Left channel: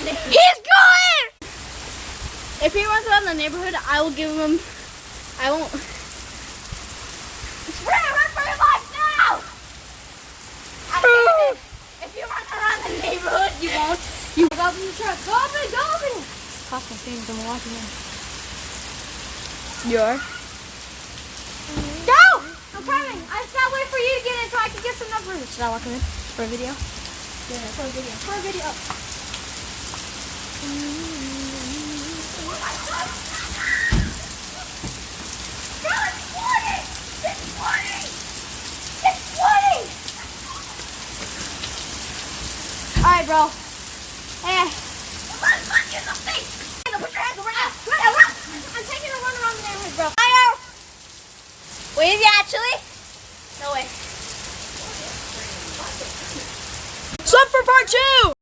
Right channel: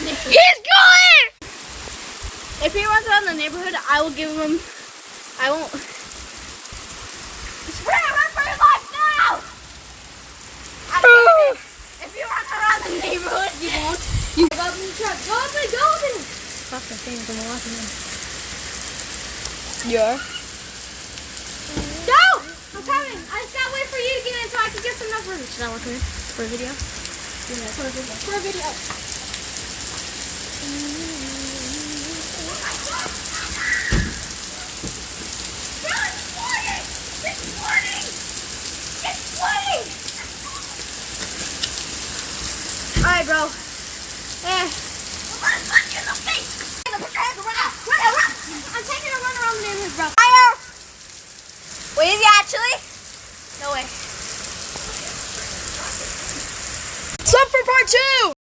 He's going! If he runs around the neighborhood, I will give him. I won't. Spray, run for your life now! If you run around the neighborhood, you won't. You go up in the truck. Go up and go up and. Pop my things. I'm watching him. You are? No! I'm coming. I just gotta wait for you to get in so I can get some numbers. Should I watch him for a video? Yeah, for a video. For a video. Alright, bro. Punch you in the face! Put your hands around. I'm taking a run around the neighborhood, bro. Wait, is he actually? No way. Sub for part 2!